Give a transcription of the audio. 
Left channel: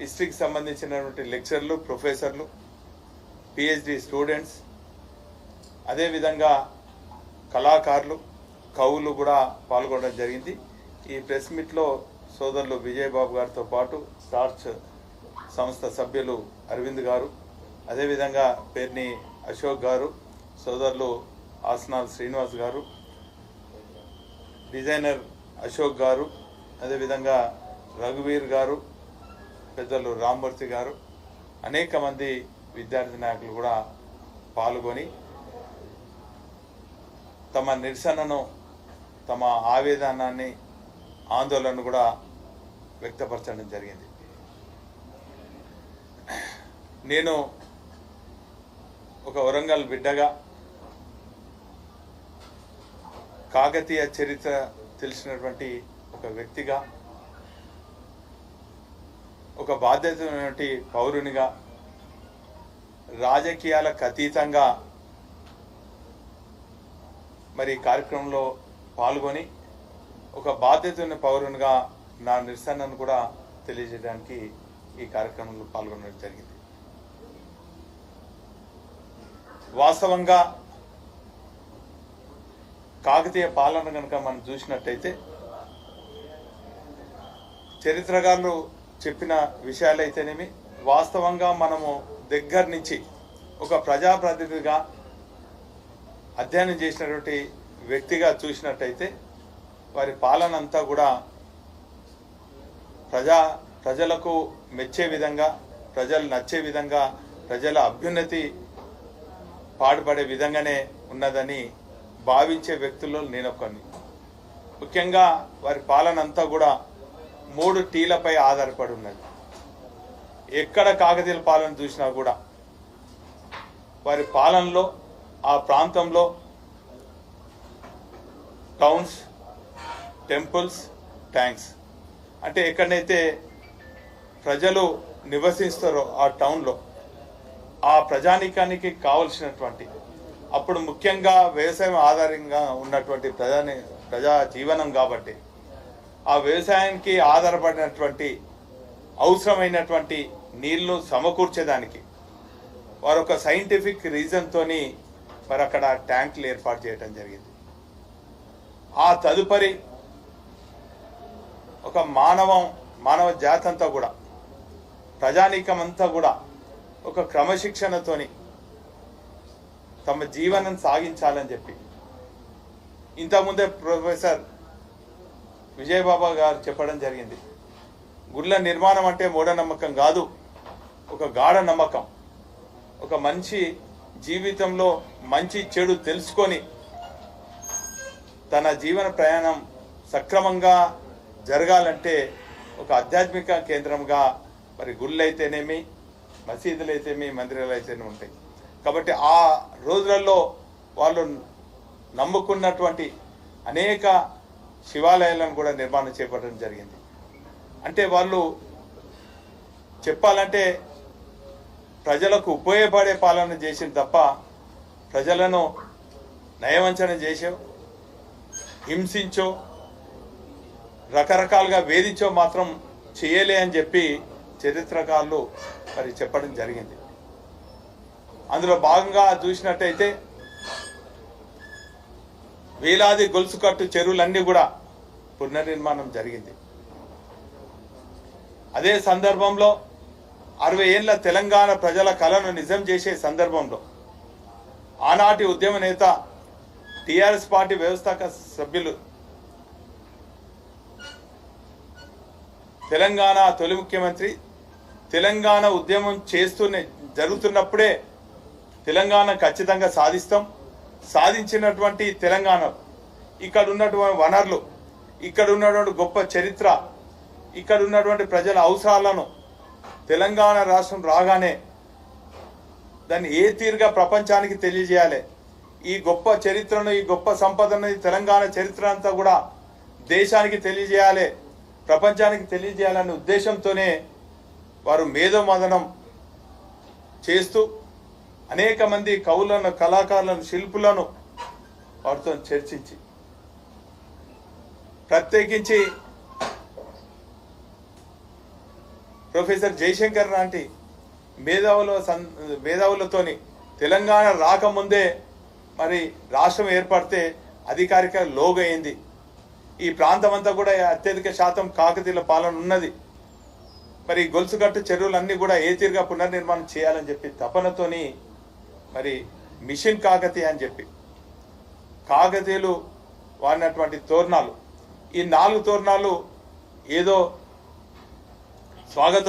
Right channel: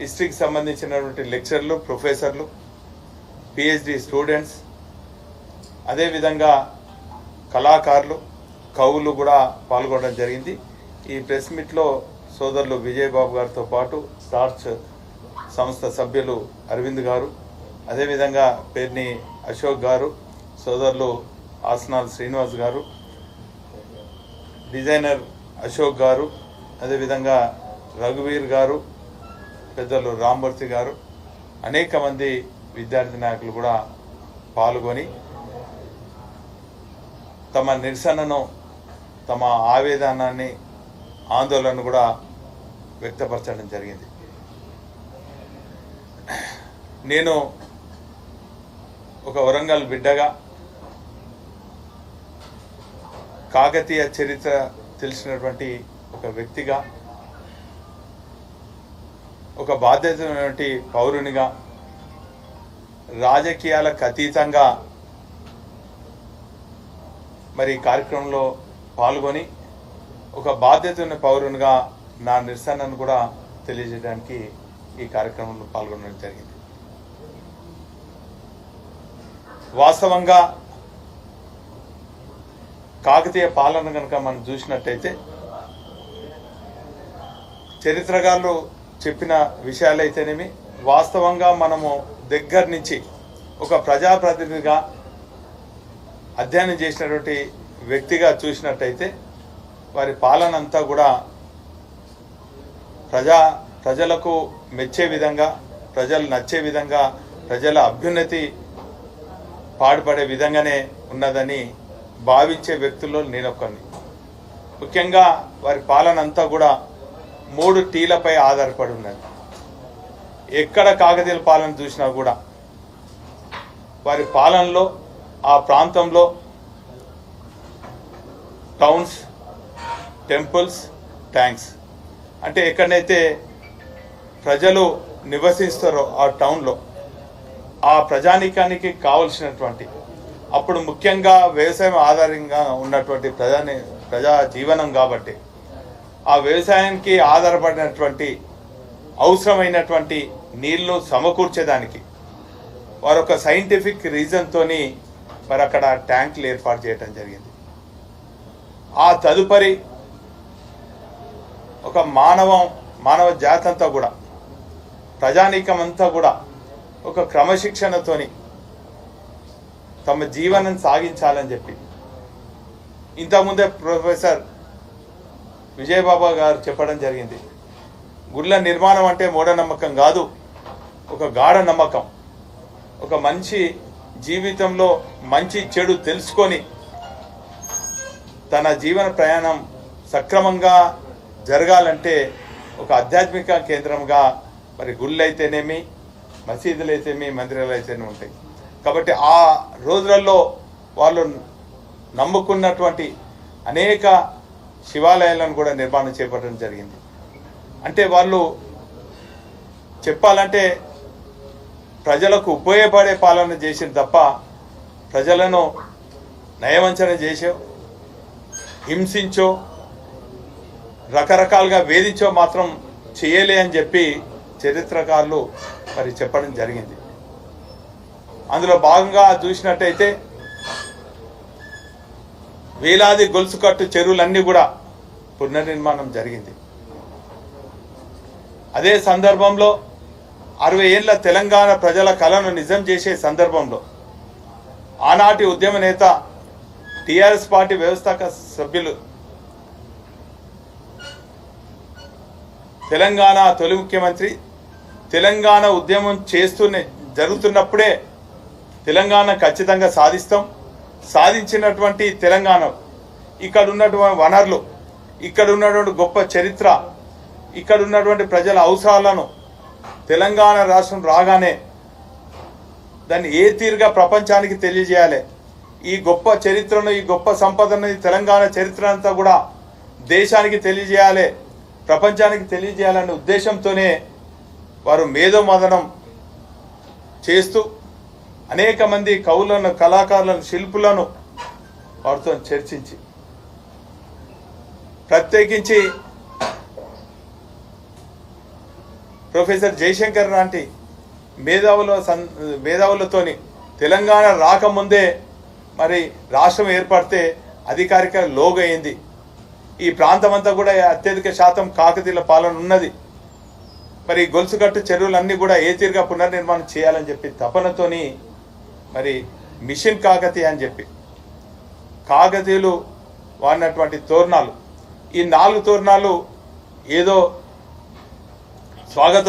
హిస్టరీకి సంబంధించినటువంటి లెక్చర్లు, ప్రొఫెసర్లు, PhD students, అదేవిధంగా కళాకారులు, కవులు కూడా పాల్గొనడం జరిగింది. ఈ ప్రెస్ మీట్లో సోదరులు విజయబాబు గారితో పాటు స్టార్చ్ సంస్థ సభ్యులు అరవింద్ గారు, అదేవిధంగా పేర్ని అశోక్ గారు, సోదరులు ఆసనాల్ శ్రీనివాస్ గారు, డిజైనర్ అశోక్ గారు, అదేవిధంగా రఘువీర్ గారు, పెద్దలు రామ్మూర్తి గారు, అనేక మంది విద్యార్థి నాయకులు కూడా పాల్గొని తమ నిరసనను, తమ ఆవేదనాన్ని, ఆందోళనను కూడా వ్యక్తపరచడం జరిగింది. నేను ఒక వరంగల్ బిడ్డగా కాకతీయ చరిత్ర తెలిసినటువంటి ఒక వ్యక్తిగా, ఒక బాధ్యతమైనటువంటి పౌరునిగా, రాజకీయాలకు అతీతంగా మరి కార్యక్రమంలో పాల్గొని ఒక బాధ్యత ఉన్న పౌరునిగా నా నిరసనను కూడా తెలియజేయడానికి ఈ కార్యక్రమంలో పాల్గొనడం జరిగింది. వాస్తవంగా కాకతీయ పాలన కనుక మనం చూసినట్టయితే చరిత్రకారులు చెప్పిన విషయాలైతేనేమి, వాస్తవంగా మనము దగ్గర నుంచి ఒక ప్రజాప్రతినిధిగా అధ్యయనం చేసినటువంటి వ్యక్తిగా చూసినట్టయితే వారి పాలన అంతా కూడా ప్రజలకు మెచ్చే విధంగా, ప్రజలు నచ్చే విధంగా, ప్రజల అభ్యున్నతి పాటుపడే విధంగానే ఉన్నదని భావించే వ్యక్తుల్లో నేనొక్కని. ముఖ్యంగా వారి పాలన అంతా కూడా 3 టీలపై ఆధారపడి ఉన్నది. ఎక్కడ కాకతీయుల పాలన చూసినా కూడా వారి పాలనలో ఆ ప్రాంతంలో టౌన్స్, టెంపుల్స్, ట్యాంక్స్, అంటే ఎక్కడైతే ప్రజలు నివసిస్తారో ఆ టౌన్లో ఆ ప్రజానీకానికి కావలసినటువంటి, అప్పుడు ముఖ్యంగా వ్యవసాయం ఆధారంగా ఉన్నటువంటి ప్రజా జీవనం కాబట్టి ఆ వ్యవసాయానికి ఆధారపడినటువంటి అవసరమైనటువంటి నీళ్లు సమకూర్చేదానికి వారు ఒక సైంటిఫిక్ రీజన్తోని మరి అక్కడ ట్యాంకులు ఏర్పాటు చేయడం జరిగింది. ఆ తదుపరి ఒక మానవ జాతి అంతా కూడా, ప్రజానీకం అంతా కూడా ఒక క్రమశిక్షణతోని తమ జీవనం సాగించాలని చెప్పి ఇంతకుముందే ప్రొఫెసర్ విజయబాబా గారు చెప్పడం జరిగింది. గుళ్ళ నిర్మాణం అంటే మూఢనమ్మకం కాదు, ఒక గాఢ నమ్మకం. ఒక మనిషి జీవితంలో మంచి చెడు తెలుసుకొని తన జీవన ప్రయాణం సక్రమంగా జరగాలంటే ఒక ఆధ్యాత్మిక కేంద్రంగా మరి గుళ్ళు అయితేనేమి, మసీదులు అయితేనేమి, మందిరాలు అయితేనేమి ఉంటాయి. కాబట్టి ఆ రోజులలో వాళ్ళు నమ్ముకున్నటువంటి అనేక శివాలయాలను కూడా నిర్మాణం చేపట్టడం జరిగింది. అంటే వాళ్ళు చెప్పాలంటే ప్రజలకు ఉపయోగపడే పాలన చేసింది తప్ప ప్రజలను నయవంచన చేసో, హింసించో, రకరకాలుగా వేధించో మాత్రం చేయలే అని చెప్పి చరిత్రకారులు మరి చెప్పడం జరిగింది. అందులో భాగంగా చూసినట్టయితే వేలాది గొలుసు కట్టు చెరువులన్నీ కూడా పునర్నిర్మాణం జరిగింది. అదే సందర్భంలో 60 ఏళ్ల తెలంగాణ ప్రజల కలను నిజం చేసే సందర్భంలో ఆనాటి ఉద్యమ నేత, టీఆర్ఎస్ పార్టీ వ్యవస్థాపక సభ్యులు, తెలంగాణ తొలి ముఖ్యమంత్రి, తెలంగాణ ఉద్యమం జరుగుతున్నప్పుడే తెలంగాణ ఖచ్చితంగా సాధిస్తాం, సాధించినటువంటి తెలంగాణ, ఇక్కడ ఉన్నటువంటి వనరులు, ఇక్కడ ఉన్నటువంటి గొప్ప చరిత్ర, ఇక్కడ ఉన్నటువంటి ప్రజల అవసరాలను తెలంగాణ రాష్ట్రం రాగానే దాన్ని ఏ తీరుగా ప్రపంచానికి తెలియజేయాలి, ఈ గొప్ప చరిత్రను, ఈ గొప్ప సంపదను, ఈ తెలంగాణ చరిత్ర అంతా కూడా దేశానికి తెలియజేయాలి, ప్రపంచానికి తెలియజేయాలనే ఉద్దేశంతోనే వారు మేధోమథనం చేస్తూ అనేక మంది కవులను, కళాకారులను, శిల్పులను వారితో చర్చించి, ప్రత్యేకించి ప్రొఫెసర్ జయశంకర్ లాంటి మేధావులతోని తెలంగాణ రాకముందే మరి రాష్ట్రం ఏర్పడితే అధికారిక లోగో అయింది. ఈ ప్రాంతం అంతా కూడా అత్యధిక శాతం కాకతీయుల పాలన ఉన్నది. మరి గొలుసుగట్టు చెరువులన్నీ కూడా ఏ తీరుగా పునర్నిర్మాణం చేయాలని చెప్పి తపనతోని మరి మిషన్ కాకతీయ అని చెప్పి కాకతీయులు వాడినటువంటి తోరణాలు, ఈ 4 తోరణాలు ఏదో స్వాగత